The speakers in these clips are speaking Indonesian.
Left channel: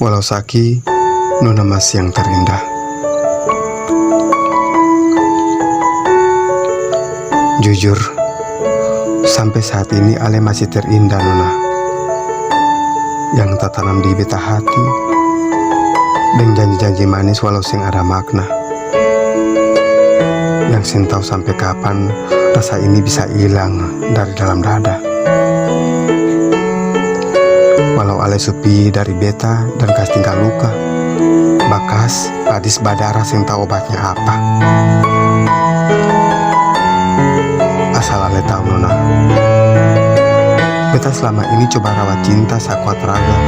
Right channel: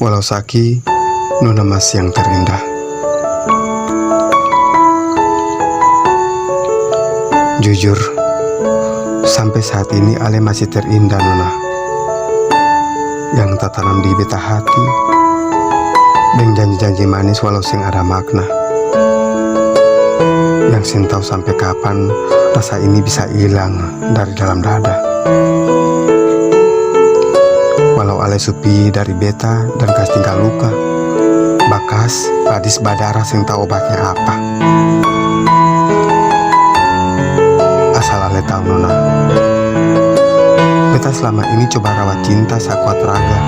Walau Saki, Nona masih yang terindah. Jujur, sampai saat ini Ale masih terindah Nona, yang tertanam di beta hati dengan janji-janji manis walau sing ada makna, yang sin tahu sampai kapan rasa ini bisa hilang dari dalam dada. Walau Ale sepi dari beta dan kas tinggal luka, bakas padis badara sing tahu obatnya apa. Asal Ale tahu Nona, beta selama ini coba rawat cinta sakuat raga.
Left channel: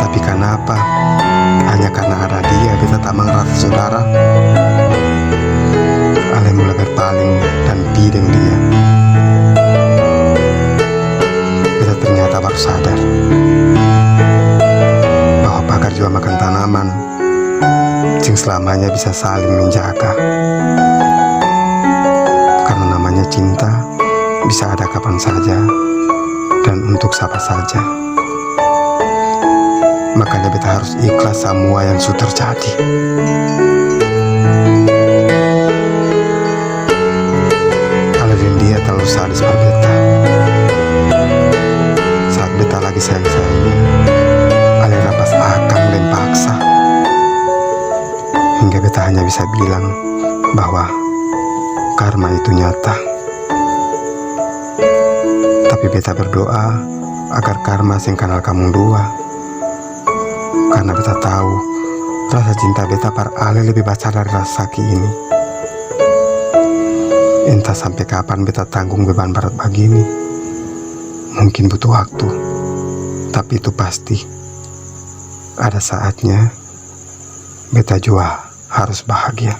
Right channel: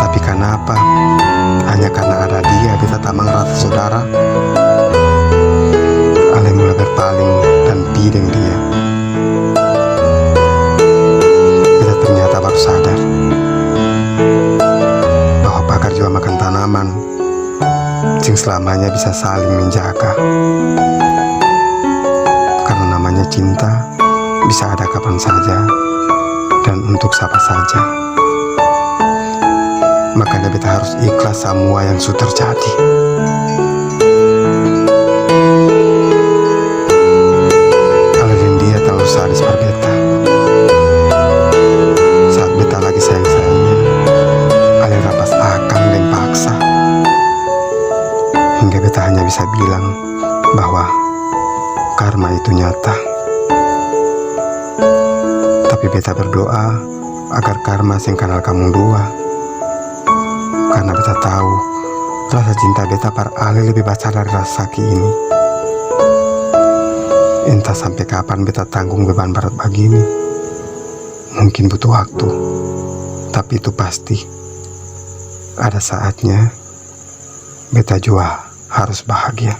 Tapi kenapa? Hanya karena ada dia beta tamang rasa saudara. Ale mulai berpaling dan pideng dia. Beta ternyata baru sadar bahwa pakar juga makan tanaman, sing selamanya bisa saling menjaga. Karena namanya cinta bisa ada kapan saja dan untuk siapa saja. Makanya beta harus ikhlas semua yang sudah terjadi. Ale dan dia terlalu sadis per beta. Saat beta lagi sayang-sayangnya, Ale rapas akang dan paksa, hingga beta hanya bisa bilang bahwa karma itu nyata. Tapi beta berdoa agar karma sing kenal kamu dua, karena beta tahu rasa cinta beta par Ale lebih besar dari rasa Saki ini. Entah sampai kapan beta tanggung beban berat begini. Mungkin butuh waktu, tapi itu pasti ada saatnya beta juga harus bahagia.